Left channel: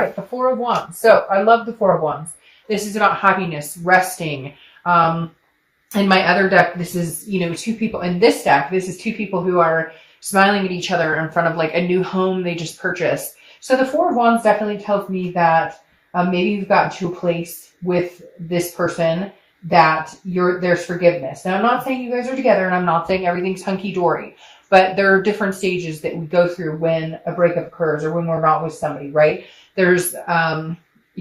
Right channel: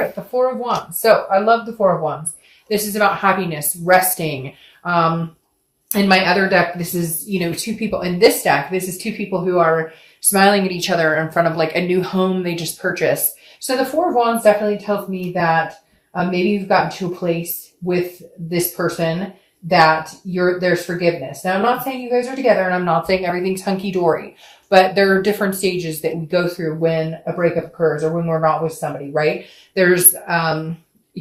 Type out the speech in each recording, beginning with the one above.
right, the Four of Wands. So I love the Four of Wands. This is about happiness, resting. In my other deck, this is, two people. In this deck, this is two people who are smiling at each other in front of like a new home they just purchased. So the Four of Wands definitely tells me that maybe you've gotten to a place with this person that there's forgiveness. Now, I'm not saying you guys are together, and I'm not saying everything's hunky-dory, but there are different stages that we go through when a breakup occurs or when we're not with somebody, right? There's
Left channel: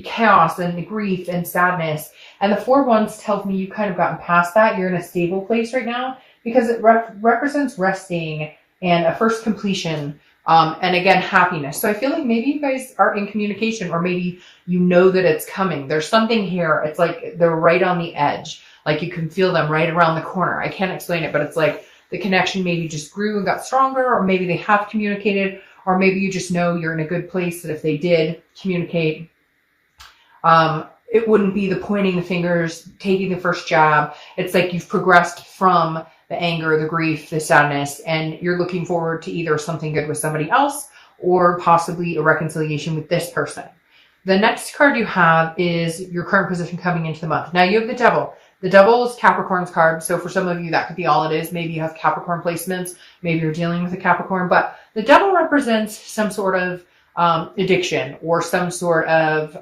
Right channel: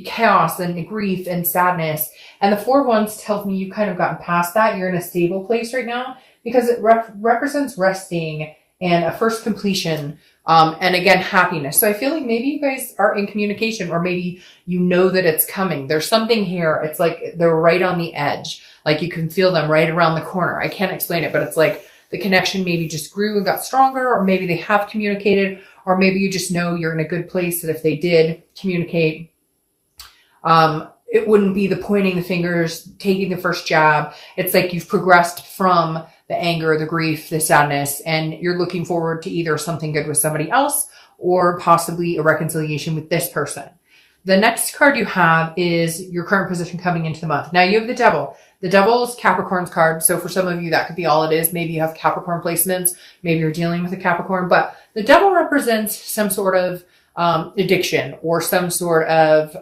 chaos and grief and sadness. And the Four of Wands tells me you've kind of gotten past that. You're in a stable place right now because it represents resting and a first completion. And again, happiness. So I feel like maybe you guys are in communication, or maybe you know that it's coming. There's something here. It's like they're right on the edge. Like you can feel them right around the corner. I can't explain it, but it's like the connection maybe just grew and got stronger, or maybe they have communicated, or maybe you just know you're in a good place that if they did communicate, it wouldn't be the pointing the fingers, taking the first jab. It's like you've progressed from the anger, the grief, the sadness, and you're looking forward to either something good with somebody else or possibly a reconciliation with this person. The next card you have is your current position coming into the month. Now you have the Devil. The Devil is Capricorn's card. So for some of you, that could be all it is. Maybe you have Capricorn placements. Maybe you're dealing with a Capricorn, but the Devil represents some sort of addiction or some sort of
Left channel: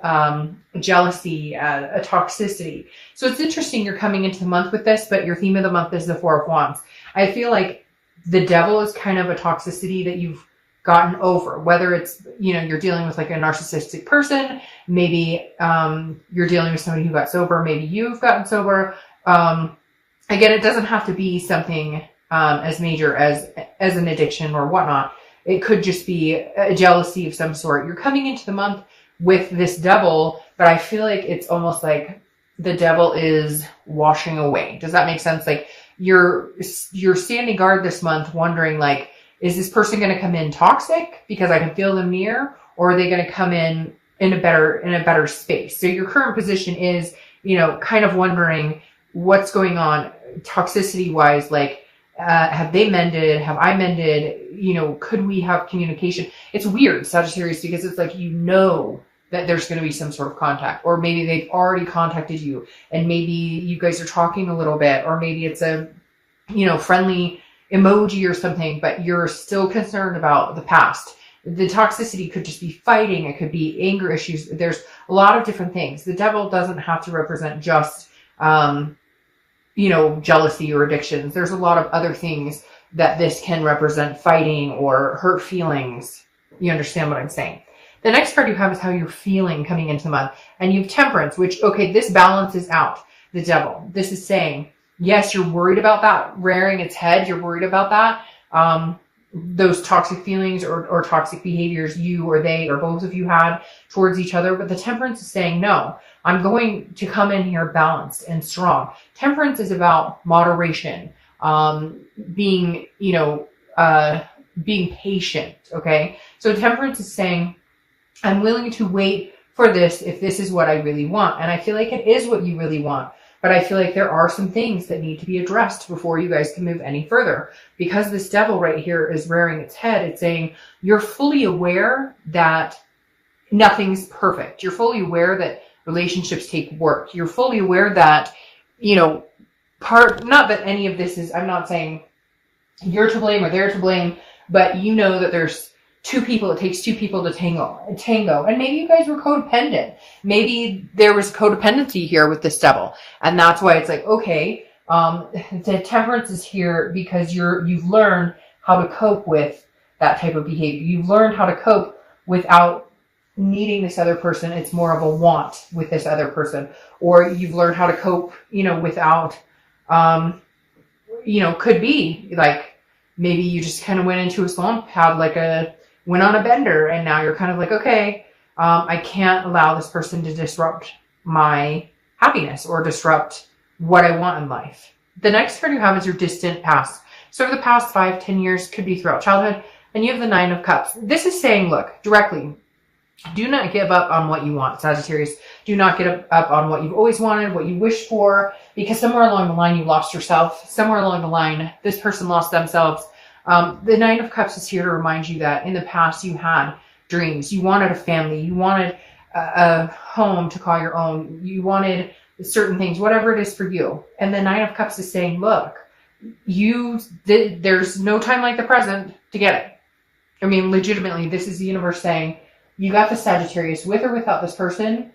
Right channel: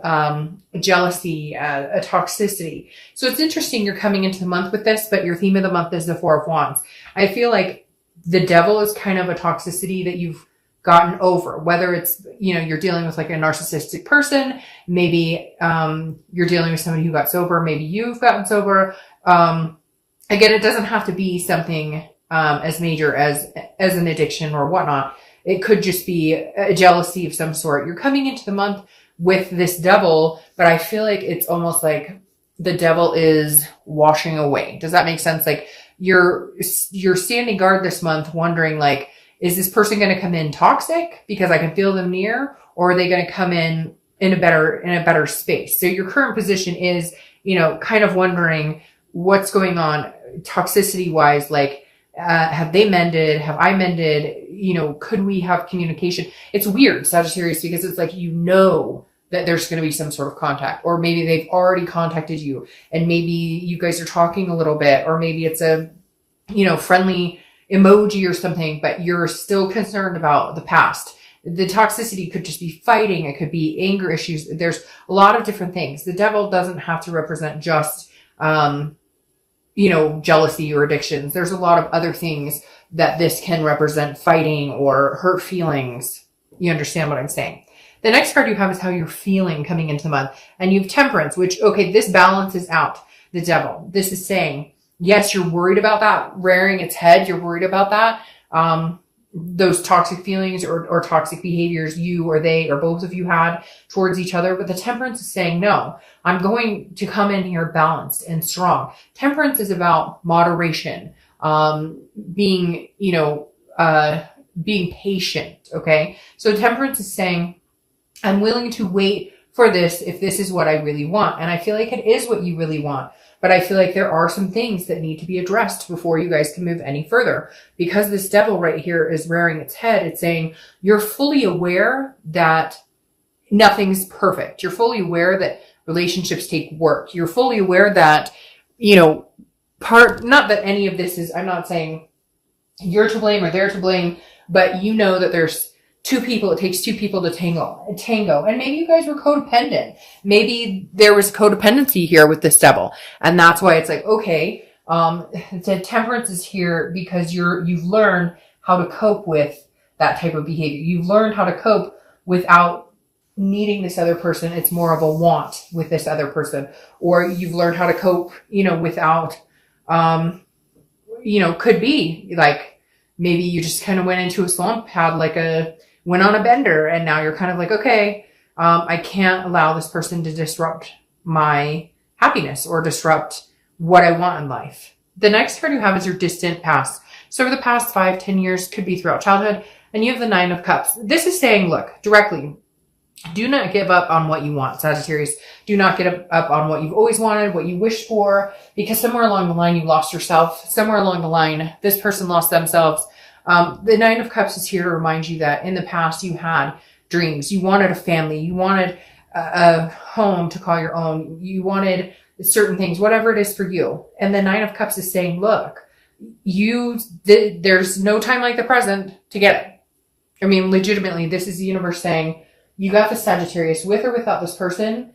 jealousy, a toxicity. So it's interesting you're coming into the month with this, but your theme of the month is the Four of Wands. I feel like the Devil is kind of a toxicity that you've gotten over, whether it's, you're dealing with like a narcissistic person, maybe you're dealing with somebody who got sober, maybe you've gotten sober. Again, it doesn't have to be something as major as an addiction or whatnot. It could just be a jealousy of some sort. You're coming into the month with this Devil, but I feel like it's almost like the Devil is washing away. Does that make sense? Like you're standing guard this month wondering like, is this person going to come in toxic because I can feel them near, or are they going to come in a better space? So your current position is, kind of wondering what's going on toxicity wise, like, have they mended? Have I mended? Could we have communication? It's weird, Sagittarius, because it's like, that there's going to be some sort of contact, or maybe they've already contacted you and maybe you guys are talking a little bit, or maybe it's a, friendly emoji or something, but you're still concerned about the past. The toxicity could just be fighting. It could be anger issues. There's a lot of different things. The Devil doesn't have to represent just, jealousy or addictions. There's a lot of other things that this can represent, fighting or hurt feelings. You understand what I'm saying? The next card you have is how you're feeling coming into the month. And you have Temperance, which, okay, this balances out the Devil. This is saying, yes, you're worried about that rearing its head. You're worried about that. Those toxic feelings or toxic behaviors you or they or both of you had towards each other. But the Temperance is saying, no, I'm going to come in here balanced and strong. Temperance is about moderation, being patient. Okay. So Temperance is saying, I'm willing to wait for this if this is what I really want. And I feel like it is what you really want. But I feel like there are some things that need to be addressed before you guys can move any further. Because this Devil right here is rearing its head. It's saying you're fully aware that nothing's perfect. You're fully aware that relationships take work. You're fully aware that, not that any of this is, I'm not saying you're to blame or they're to blame, but you know that there's two people, it takes two people to tango. And maybe you guys were codependent. Maybe there was codependency here with this Devil. And that's why it's like, okay, the Temperance is here because you've learned how to cope with that type of behavior. You've learned how to cope without needing this other person. It's more of a want with this other person. Or you've learned how to cope, without, could be like, maybe you just kind of went into a slump, went on a bender, and now you're kind of like, okay, I can't allow this person to disrupt my happiness or disrupt what I want in life. The next card you have is your distant past. So over the past 5-10 years, could be throughout childhood, and you have the Nine of Cups. This is saying, look, directly, do not give up on what you want, Sagittarius. Do not give up on what you've always wanted, what you wished for, because somewhere along the line you lost yourself. Somewhere along the line, this person lost themselves. The Nine of Cups is here to remind you that in the past you had dreams. You wanted a family. You wanted a home to call your own. You wanted certain things, whatever it is for you. And the Nine of Cups is saying, look, there's no time like the present to get it. I mean, legitimately, this is the universe saying, you got the Sagittarius with or without this person.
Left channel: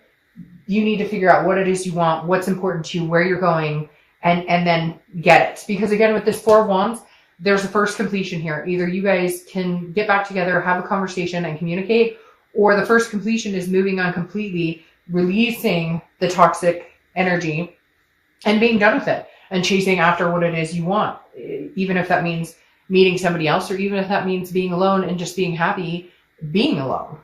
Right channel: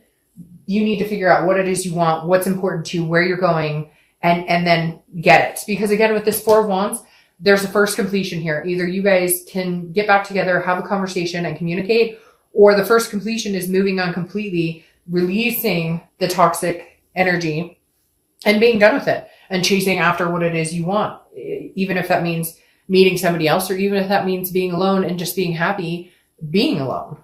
You need to figure out what it is you want, what's important to you, where you're going, and then get it. Because again, with this Four of Wands, there's a first completion here. Either you guys can get back together, have a conversation and communicate, or the first completion is moving on completely, releasing the toxic energy and being done with it and chasing after what it is you want. Even if that means meeting somebody else, or even if that means being alone and just being happy being alone.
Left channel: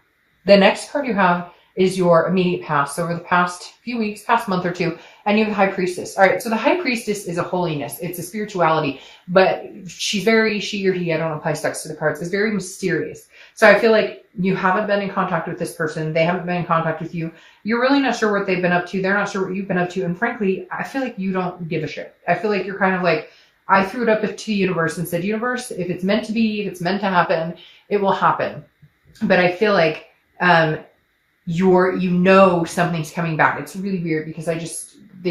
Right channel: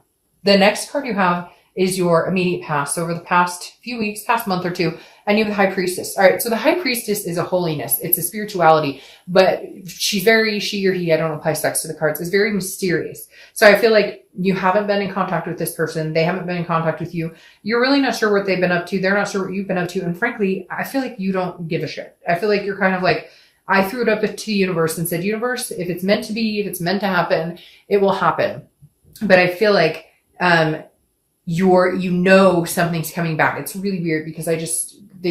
The next card you have is your immediate past. So over the past few weeks, past month or two, and you have the High Priestess. All right, so the High Priestess is a holiness. It's a spirituality, but she or he, I don't apply specs to the cards, is very mysterious. So I feel like you haven't been in contact with this person. They haven't been in contact with you. You're really not sure what they've been up to. They're not sure what you've been up to. And frankly, I feel like you don't give a shit. I feel like you're kind of like, I threw it up to the universe and said, universe, if it's meant to be, if it's meant to happen, it will happen. But I feel like, something's coming back. It's really weird because they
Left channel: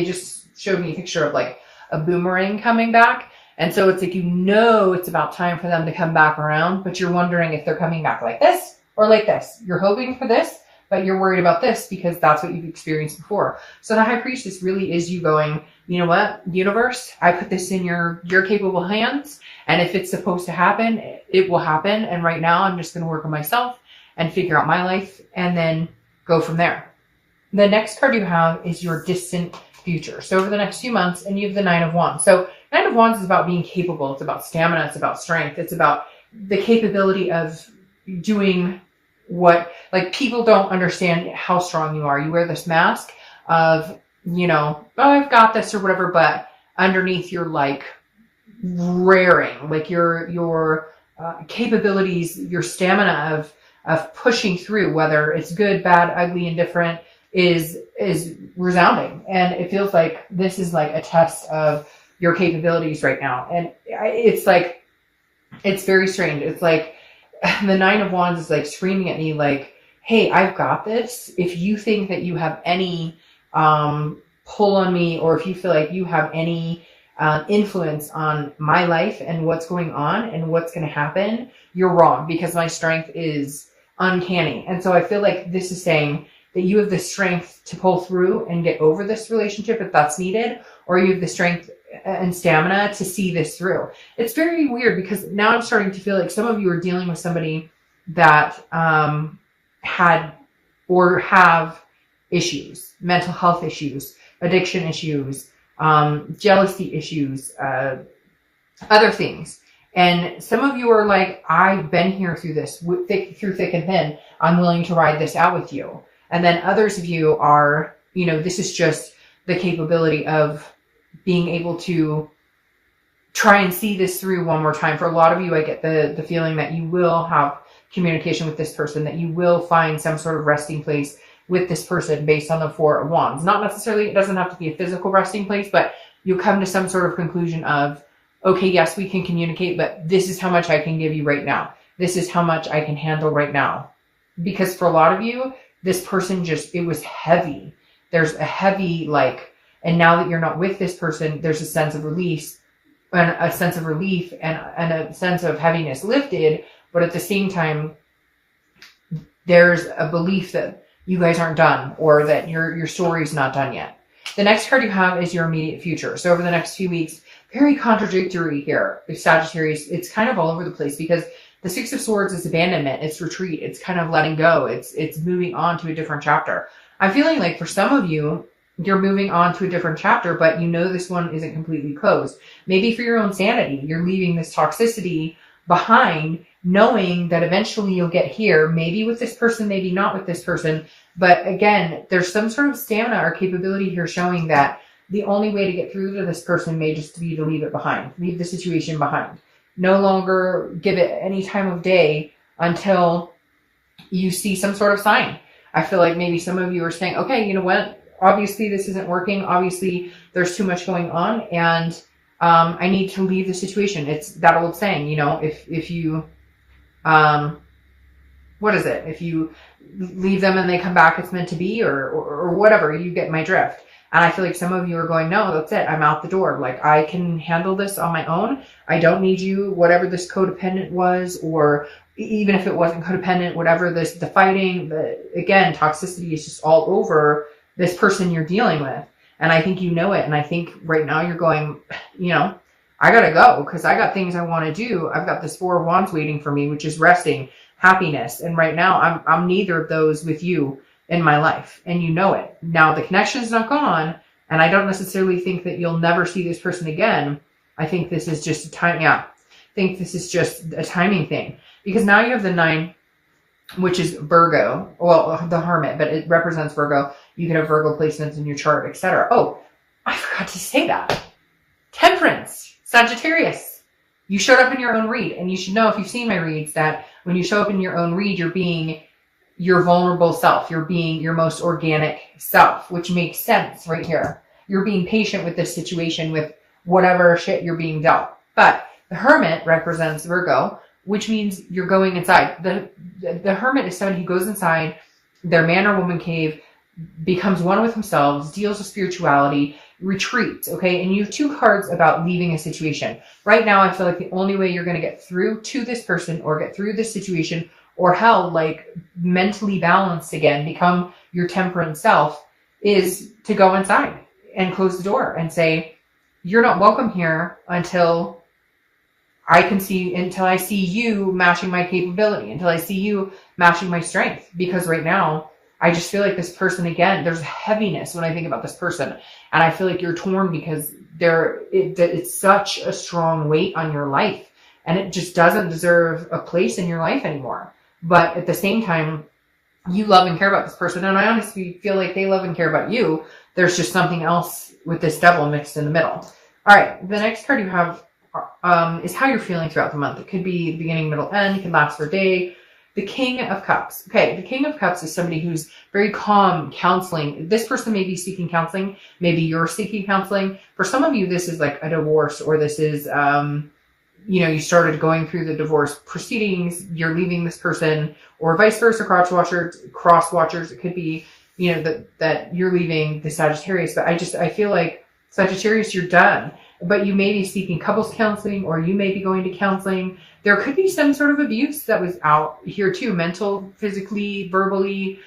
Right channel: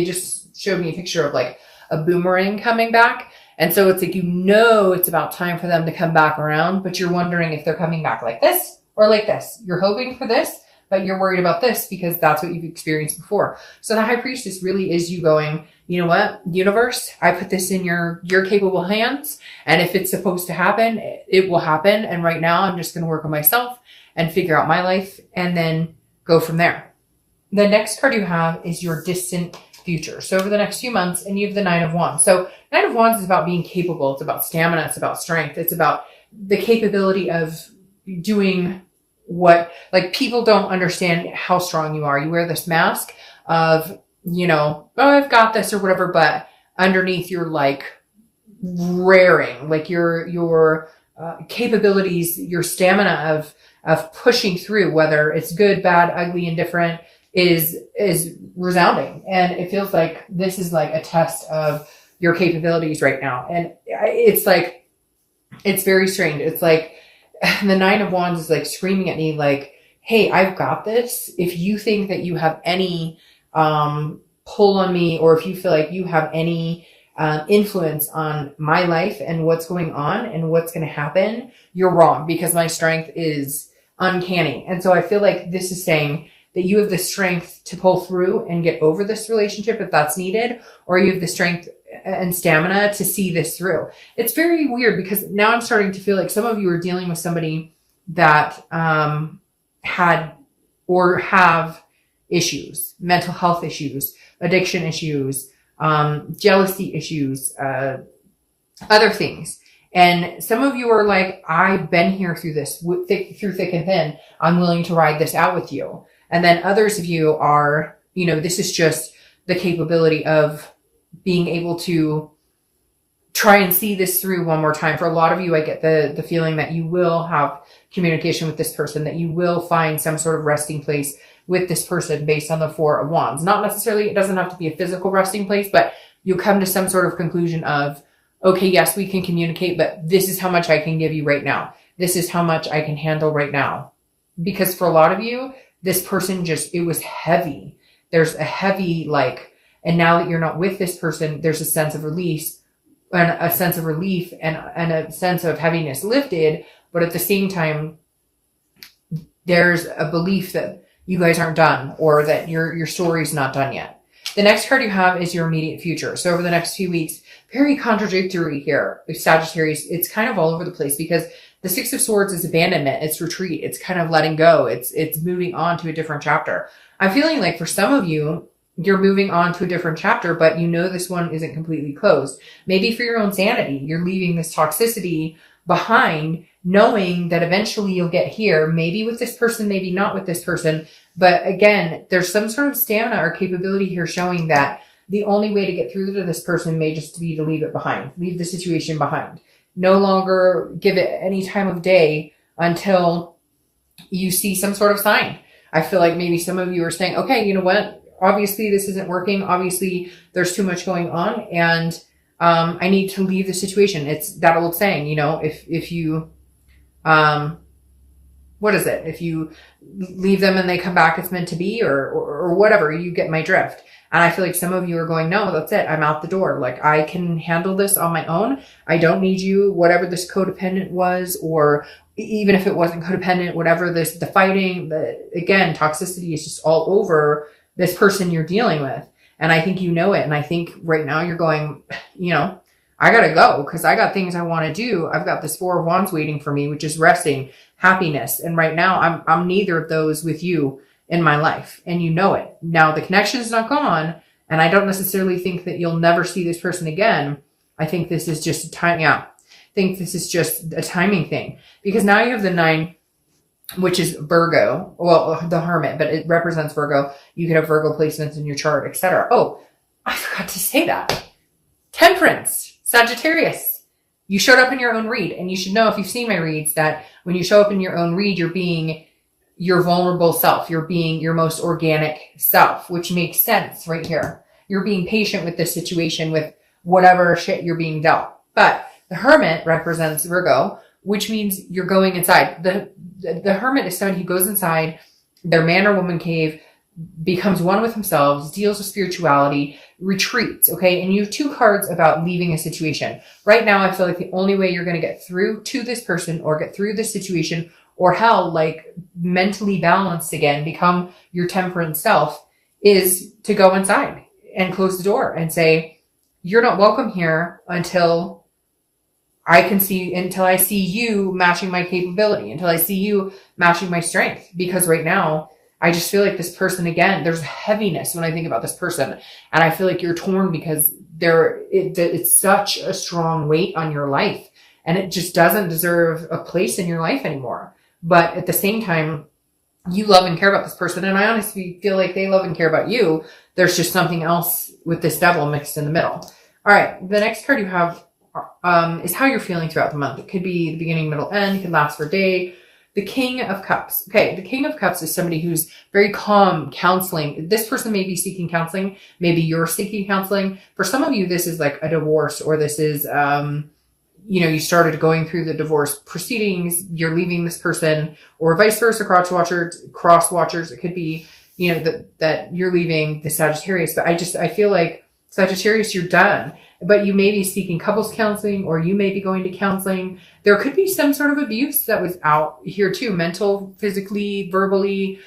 just showed me a picture of like a boomerang coming back. And so it's like, it's about time for them to come back around, but you're wondering if they're coming back like this or like this. You're hoping for this, but you're worried about this because that's what you've experienced before. So the High Priestess really is you going, you know what, universe, I put this in your capable hands. And if it's supposed to happen, it will happen. And right now I'm just going to work on myself and figure out my life and then go from there. The next card you have is your distant future. So over the next few months, and you have the Nine of Wands. So Nine of Wands is about being capable. It's about stamina. It's about strength. It's about the capability of doing what, like, people don't understand how strong you are. You wear this mask of, oh, I've got this or whatever, but underneath you're like raring, like your capabilities, your stamina of pushing through, whether it's good, bad, ugly, indifferent, is resounding. And it feels like this is like a test of your capabilities right now. And it's like, it's very strange. It's like the Nine of Wands is like screaming at me like, hey, I've got this. If you think that you have any pull on me, or if you feel like you have any influence on my life and what's going on and what's going to happen, you're wrong, because my strength is uncanny. And so I feel like this is saying that you have the strength to pull through and get over this relationship if that's needed, or you have the strength and stamina to see this through. It's very weird because now I'm starting to feel like some of you are dealing with somebody that had or have issues, mental health issues, addiction issues, jealousy issues, other things. And some of you are like, I've been here through this, through thick and thin. I'm willing to ride this out with you. And then others of you are, this is just the capability of being able to try and see this through one more time. For a lot of you, I get the feeling that you will have communication with this person, that you will find some sort of resting place with this person based on the Four of Wands. Not necessarily, it doesn't have to be a physical resting place, but you'll come to some sort of conclusion of, okay, yes, we can communicate, but this is how much I can give you right now. This is how much I can handle right now. Because for a lot of you, this person it was heavy. There's a heavy, and now that you're not with this person, there's a sense of release and a sense of relief and a sense of heaviness lifted. But at the same time, there's a belief that you guys aren't done, or that your story's not done yet. The next card you have is your immediate future. So over the next few weeks, very contradictory here with Sagittarius. It's kind of all over the place because the Six of Swords is abandonment. It's retreat. It's kind of letting go. It's moving on to a different chapter. I'm feeling like for some of you, you're moving on to a different chapter, but this one isn't completely closed. Maybe for your own sanity, you're leaving this toxicity behind, knowing that eventually you'll get here, maybe with this person, maybe not with this person. But again, there's some sort of stamina or capability here showing that the only way to get through to this person may just be to leave it behind, leave the situation behind. No longer give it any time of day until you see some sort of sign. I feel like maybe some of you are saying, okay, you know what? Obviously this isn't working. Obviously there's too much going on, and I need to leave the situation. It's that old saying, if you what is it? If you leave them and they come back, it's meant to be, or whatever. You get my drift. And I feel like some of you are going, no, that's it. I'm out the door. Like, I can handle this on my own. I don't need you, whatever this codependent was, or even if it wasn't codependent, whatever the fighting, again, toxicity is just all over this person you're dealing with. And I think you know it. And I think right now you're going, I got to go because I got things I want to do. I've got this 4 of Wands waiting for me, which is resting, happiness. And right now I'm neither of those with you in my life. And you know it. Now the connection is not gone. And I don't necessarily think that you'll never see this person again. I think this is just a time. Yeah. I think this is just a timing thing, because now you have the 9, which is Virgo. Well, the Hermit, but it represents Virgo. You can have Virgo placements in your chart, etc. Oh, I forgot to say that. Temperance, Sagittarius. You showed up in your own read, and you should know, if you've seen my reads, that when you show up in your own read, you're being your vulnerable self. You're being your most organic self, which makes sense right here. You're being patient with this situation, with whatever shit you're being dealt. But the Hermit represents Virgo, which means you're going inside. The Hermit is somebody who goes inside their man or woman cave, becomes one with themselves, deals with spirituality, retreats, okay? And you have 2 cards about leaving a situation. Right now, I feel like the only way you're going to get through to this person or get through this situation, or hell, like mentally balanced again, become your temperate self, is to go inside and close the door and say, you're not welcome here until I see you matching my capability, until I see you matching my strength. Because right now, I just feel like this person, again, there's heaviness when I think about this person. And I feel like you're torn because it's such a strong weight on your life. And it just doesn't deserve a place in your life anymore. But at the same time, you love and care about this person. And I honestly feel like they love and care about you. There's just something else with this devil mixed in the middle. All right, the next card you have is how you're feeling throughout the month. It could be the beginning, middle, end. It can last for a day. The King of Cups. Okay, the King of Cups is somebody who's very calm, counseling. This person may be seeking counseling. Maybe you're seeking counseling. For some of you, this is like a divorce, or this is, you started going through the divorce proceedings. You're leaving this person, or vice versa, cross watchers. It could be, that you're leaving the Sagittarius. But I feel like Sagittarius, you're done. But you may be seeking couples counseling, or you may be going to counseling. There could be some sort of abuse that was out here too, mental, physically, verbally,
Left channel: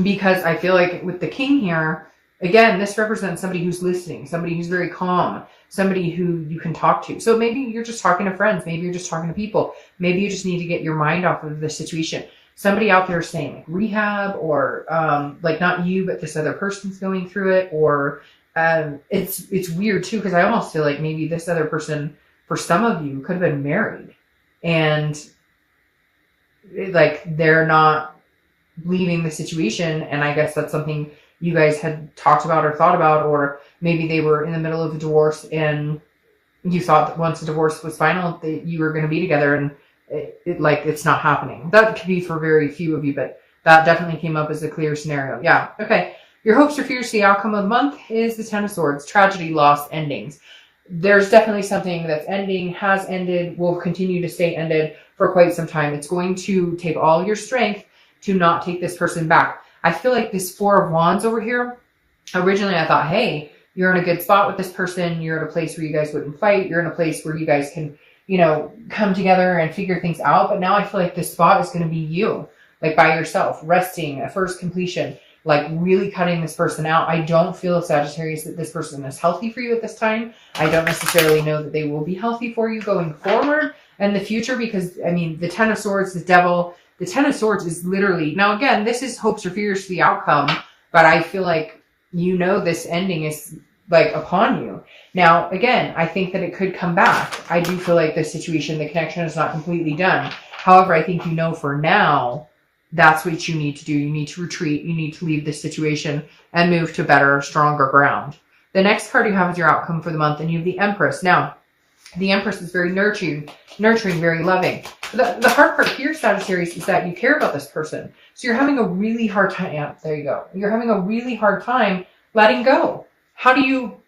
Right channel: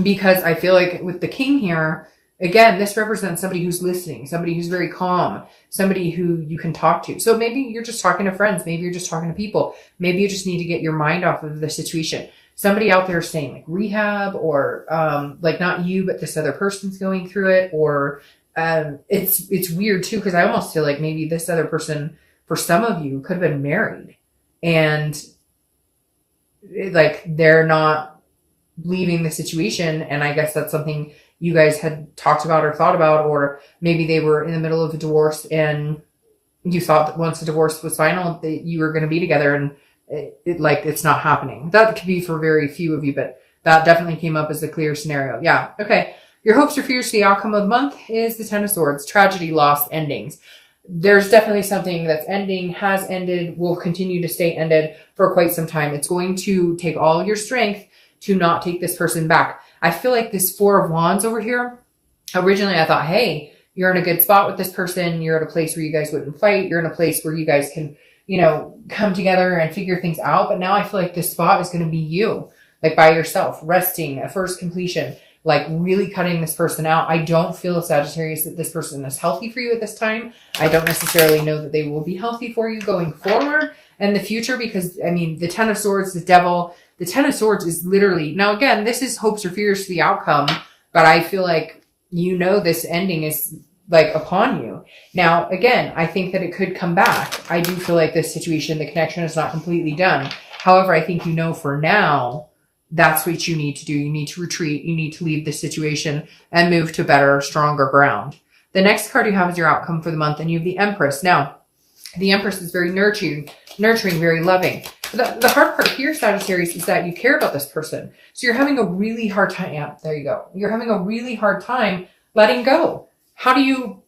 because I feel like with the King here, again, this represents somebody who's listening, somebody who's very calm, somebody who you can talk to. So maybe you're just talking to friends. Maybe you're just talking to people. Maybe you just need to get your mind off of the situation. Somebody out there saying like rehab, or like not you, but this other person's going through it, or it's weird too, because I almost feel like maybe this other person, for some of you, could have been married, and like they're not leaving the situation. And I guess that's something you guys had talked about or thought about, or maybe they were in the middle of a divorce and you thought that once the divorce was final, that you were going to be together, and it's not happening. That could be for very few of you, but that definitely came up as a clear scenario. Yeah. Okay. Your hopes or fears, the outcome of the month is the 10 of Swords, tragedy, loss, endings. There's definitely something that's ending, has ended, will continue to stay ended for quite some time. It's going to take all your strength to not take this person back. I feel like this 4 of Wands over here, originally I thought, hey, you're in a good spot with this person. You're at a place where you guys wouldn't fight. You're in a place where you guys can, come together and figure things out. But now I feel like this spot is going to be you, like by yourself, resting at first completion, like really cutting this person out. I don't feel, Sagittarius, that this person is healthy for you at this time. I don't necessarily know that they will be healthy for you going forward in the future, because the 10 of Swords, the devil, the 10 of Swords is literally, now again, this is hopes or fears for the outcome, but I feel like, this ending is like upon you. Now, again, I think that it could come back. I do feel like this situation, the connection is not completely done. However, I think for now, that's what you need to do. You need to retreat. You need to leave this situation and move to better, stronger ground. The next card you have is your outcome for the month, and you have the Empress. Now, the Empress is very nurturing, very loving. The hard part here, Sagittarius, is that you care about this person. So you're having a really hard time. Yeah, there you go. You're having a really hard time letting go. How do you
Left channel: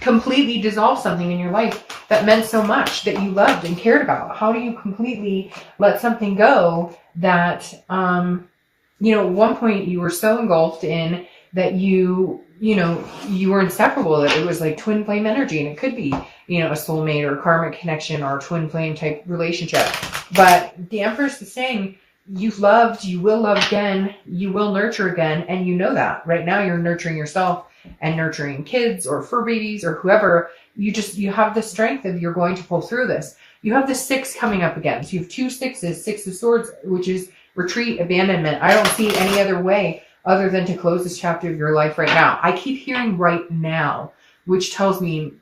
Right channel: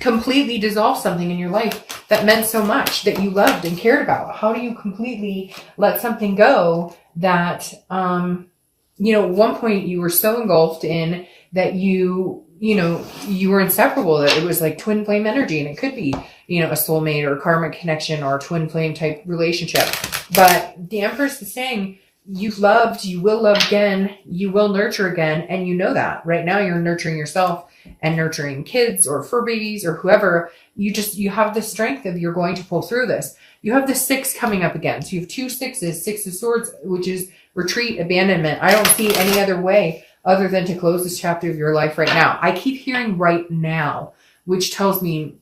completely dissolve something in your life that meant so much, that you loved and cared about? How do you completely let something go that, at one point you were so engulfed in that you were inseparable, that it was like twin flame energy, and it could be, a soulmate or karmic connection or twin flame type relationship. But the Empress is saying, you've loved, you will love again, you will nurture again, and you know that. Right now you're nurturing yourself and nurturing kids or fur babies or whoever. You have the strength of, you're going to pull through this. You have the 6 coming up again. So you have 2 6s, 6 of Swords, which is retreat, abandonment. I don't see any other way other than to close this chapter of your life right now. I keep hearing right now, which tells me,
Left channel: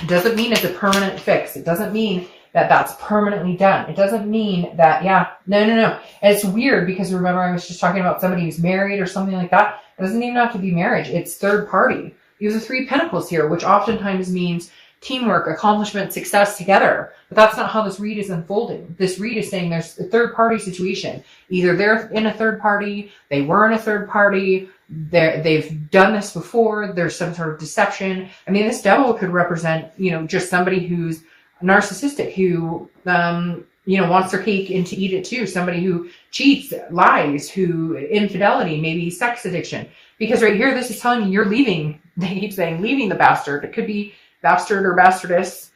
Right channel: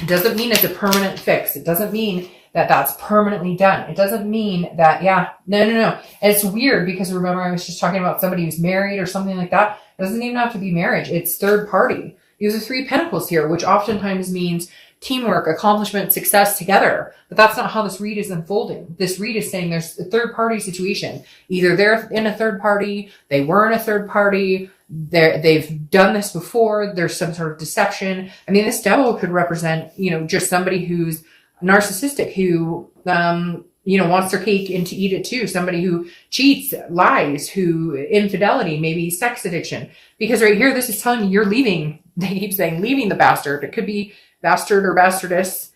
it doesn't mean it's a permanent fix. It doesn't mean that that's permanently done. It doesn't mean that, no. And it's weird because remember I was just talking about somebody who's married or something like that. It doesn't even have to be marriage. It's third party. You have the 3 Pentacles here, which oftentimes means teamwork, accomplishment, success together. But that's not how this read is unfolding. This read is saying there's a third party situation. Either they're in a third party, they were in a third party, they've done this before, there's some sort of deception. I mean, this devil could represent, just somebody who's narcissistic, who, wants their cake and to eat it too. Somebody who cheats, lies, who infidelity, maybe sex addiction. Because right here, this is telling you you're leaving. They keep saying leaving the bastard. It could be bastard or bastardess.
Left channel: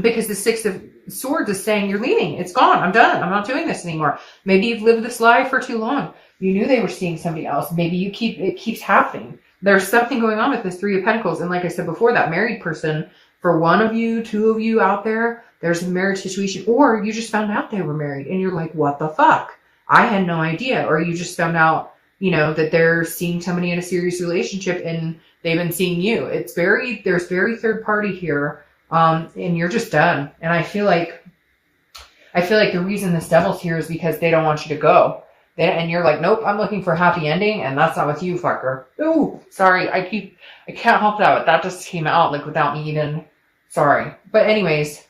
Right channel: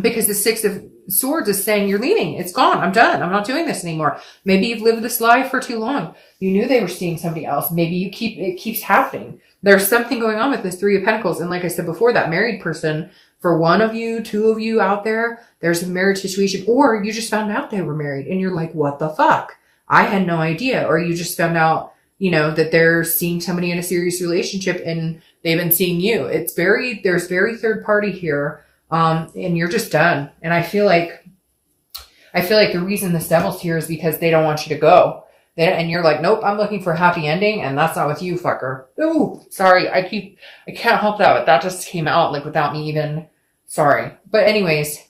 Because the 6 of Swords is saying you're leaving. It's gone. I'm done. I'm not doing this anymore. Maybe you've lived this lie for too long. You knew they were seeing somebody else. Maybe it keeps happening. There's something going on with this 3 of Pentacles. And like I said before, that married person, for one of you, 2 of you out there, there's a marriage situation, or you just found out they were married and you're like, what the fuck? I had no idea. Or you just found out, that they're seeing somebody in a serious relationship and they've been seeing you. There's very third party here. And you're just done. And I feel like the reason this devil's here is because they don't want you to go. And you're like, nope, I'm looking for a happy ending, and that's not with you, fucker. Oh, sorry, I can't help that, but that just came out like without me even, sorry. But anyways,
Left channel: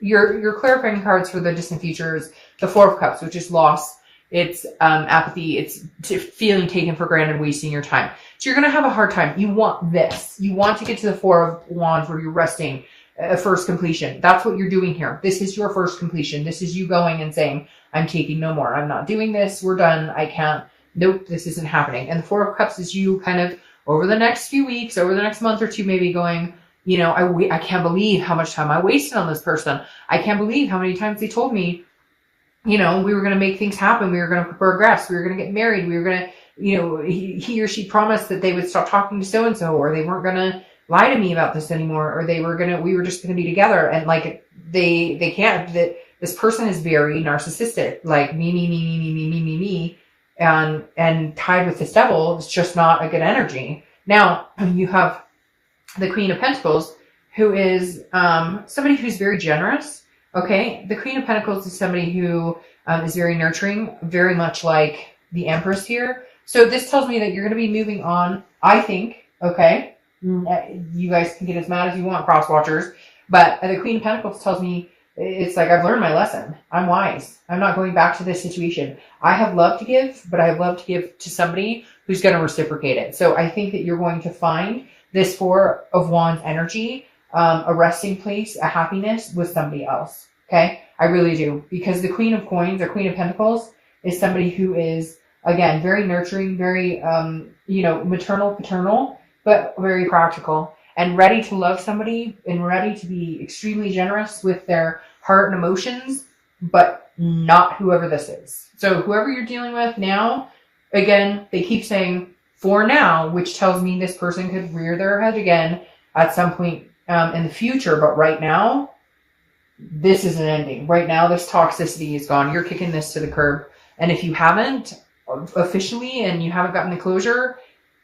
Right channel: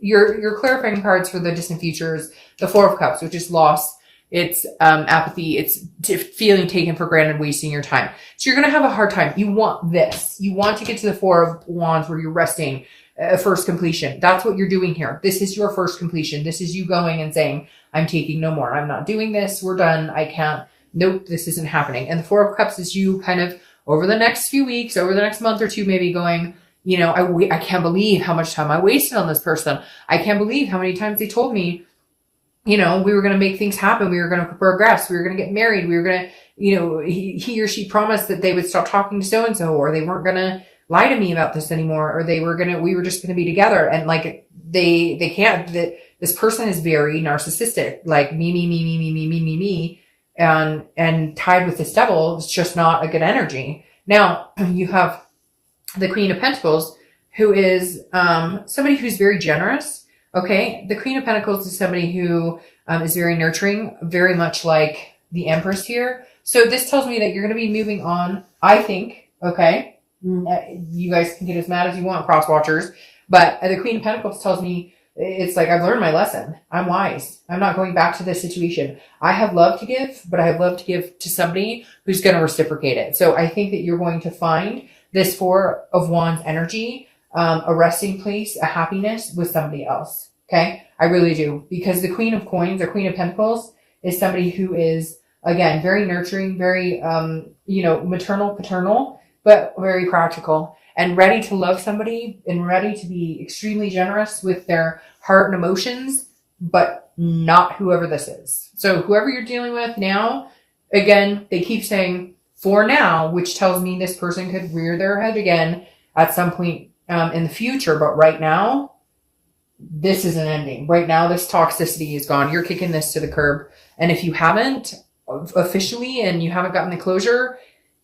your clarifying cards for the distant futures, the 4 of Cups, which is loss. It's apathy. It's feeling taken for granted, wasting your time. So you're going to have a hard time. You want this. You want to get to the 4 of Wands where you're resting, first completion. That's what you're doing here. This is your first completion. This is you going and saying, I'm taking no more. I'm not doing this. We're done. I can't. Nope, this isn't happening. And the 4 of Cups is you kind of over the next few weeks, over the next month or 2, maybe going, I can't believe how much time I wasted on this person. I can't believe how many times they told me, we were going to make things happen. We were going to progress. We were going to get married. We were going to, he or she promised that they would stop talking to so-and-so, or they weren't going to lie to me about this anymore, or we were just going to be together. And like, they can't, this person is very narcissistic, like me. And tied with this devil, it's just not a good energy. Now you have the Queen of Pentacles, who is, somebody who's very generous. Okay, the Queen of Pentacles is somebody who is very nurturing, very much like the Empress here. So this tells me that you're going to be moving on, I think, okay? You guys can get as mad as you want, cross watchers. But the Queen of Pentacles tells me, it's like, I've learned my lesson. I'm wise. I'm not going back to this situation. I have love to give, but I have love to give to somebody who's going to reciprocate it. So I think that you're going to find this 4 of Wands energy, a resting place, a happiness with somebody else. Okay. I really do. Because the Queen of Coins or Queen of Pentacles is somebody who is, again, very nurturing, very, maternal, paternal, but very practical and ready to love somebody and ready to be extremely generous with their heart and emotions, but not whoever this is. So whoever you're dealing with now, again, they keep saying for now, which tells me this person could rear their head again at some point in the future. But right now, this is an ending. Right now, this toxicity is gone. You're kicking this to the curb. And if you haven't officially and you haven't gotten the closure,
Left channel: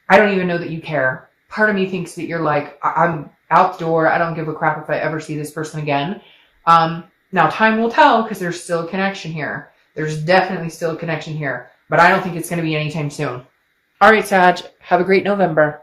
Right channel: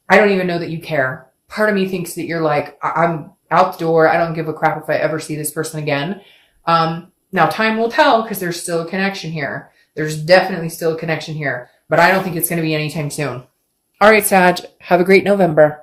I don't even know that you care. Part of me thinks that you're like, I'm out the door. I don't give a crap if I ever see this person again. Now, time will tell because there's still a connection here. There's definitely still a connection here. But I don't think it's going to be anytime soon. All right, Sag. Have a great November.